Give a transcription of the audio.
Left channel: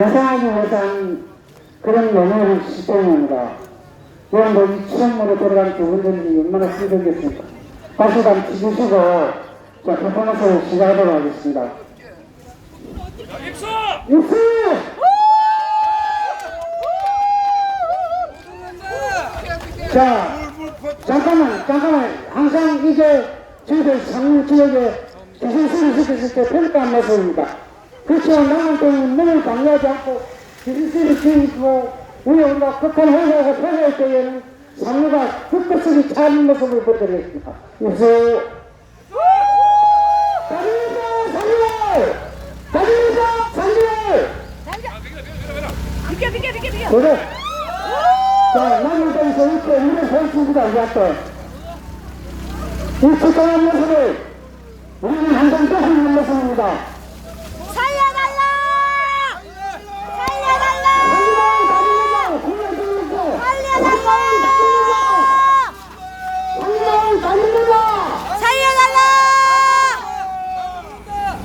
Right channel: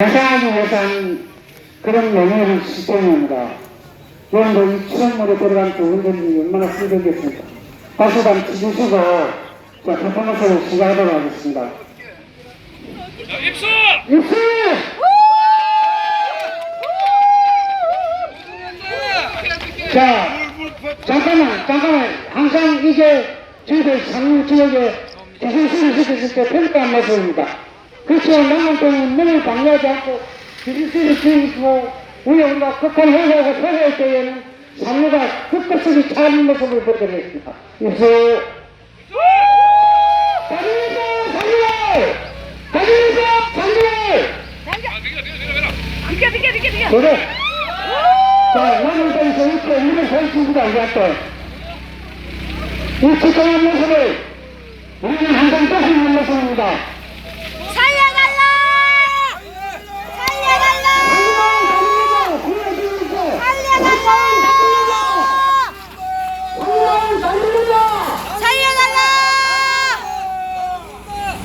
대상하기 위해서는 그런 명예를 시스템입니다. 그런데 이 추억물에 들어간 그 운전이 얼마나 힘들겠습니까? 가수단 치주시고 자, 퍼포먼스를 시작하도록 하겠습니다. 자, 입수! 입수! 자, 잠깐만, 잠깐만. 항상 이게 저희들 상무 지역에 기술수를 시켰을 때 평가한 모습입니다. 그렇지만 남한테는 눈을 방해하지 않고 기술수를 지키고 우리 우리가 극한 회사에서 회사할 때에는 상무가 끝끝이 차는 모습을. 입수! 가져오자, 상무! 가져오자, 상무! 아, 비켜, 비켜, 비켜, 비켜. 그래. 자, 나는 여기서 이렇게 우리 보여주기가 이겼대. 이 축하한 모습을 우리는 항상 또 있는 모습입니다.